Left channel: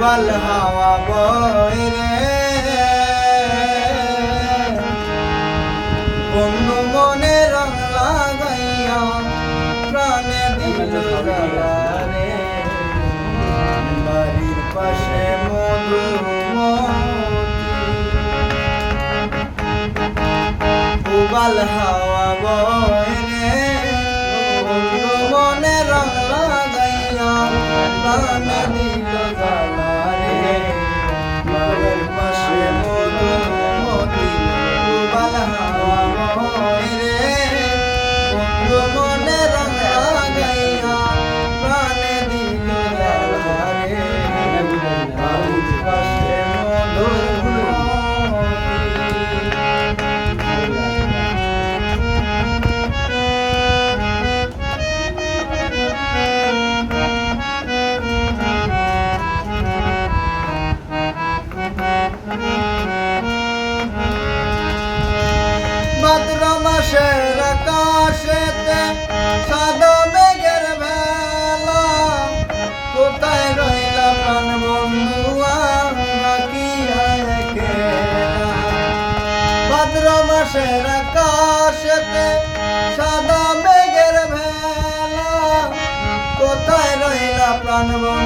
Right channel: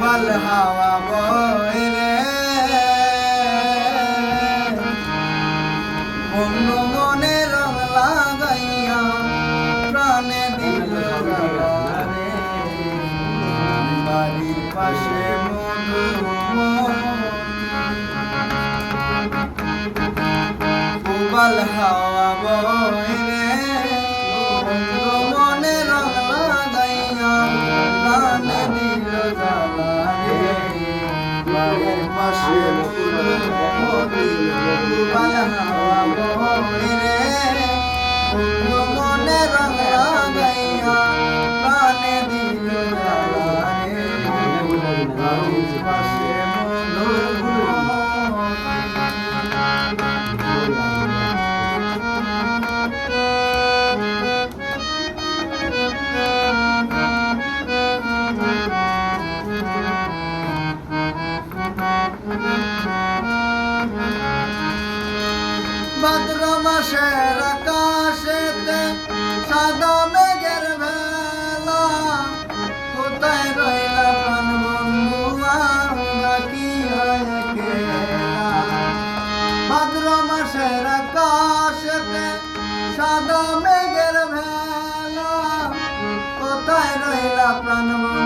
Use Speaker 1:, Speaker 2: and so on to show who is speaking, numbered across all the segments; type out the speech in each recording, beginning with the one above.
Speaker 1: বাড়ির হাওয়া বয় অন্য মনে রং লাগাইয়া প্রাণে দিল উবাল হাওয়া রে মনে রং লাগাইয়া মাসের আকাশেতে সাদা মেঘের ভেলা কোথায় রইলা প্রাণ বন্ধু, আমরা কি ভাদ্র মাসের আকাশেতে সাদা মেঘের ভেলা কোথায় রইলা প্রাণ বন্ধু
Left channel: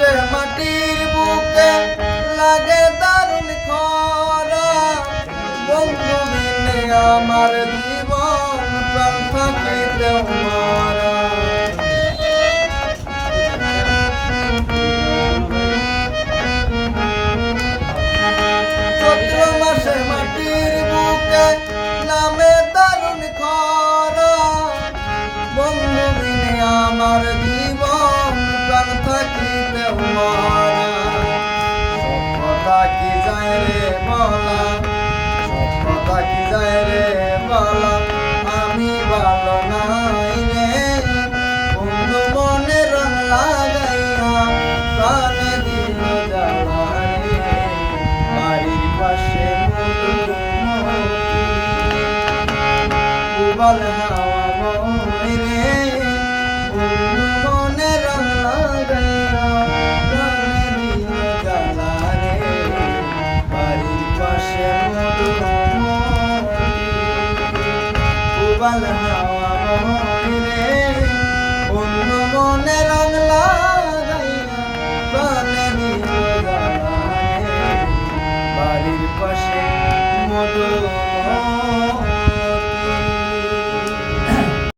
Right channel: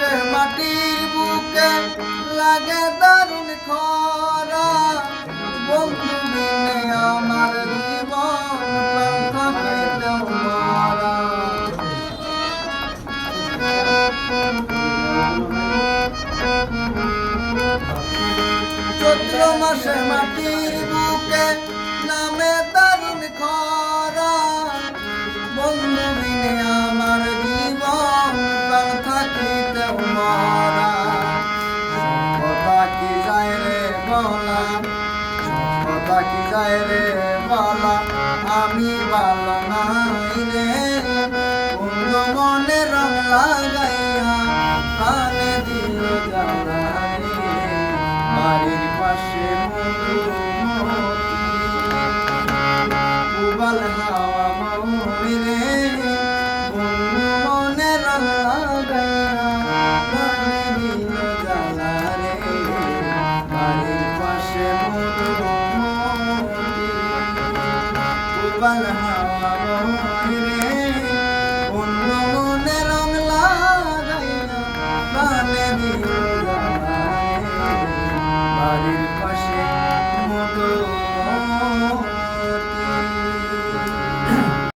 Speaker 1: সতেরো মাটির বুকে লাগে দারুণ খরা। বন্ধু মিলে আমার মাটির বুকে সভ্যতা কি যায় রে বালা, আমি ভালো নাই রে। অন্য মনে রং লাগাইয়া প্রাণে দিল জানাই বাড়ির পাশে মধুমতি। উবাল হাওয়া Valhalla.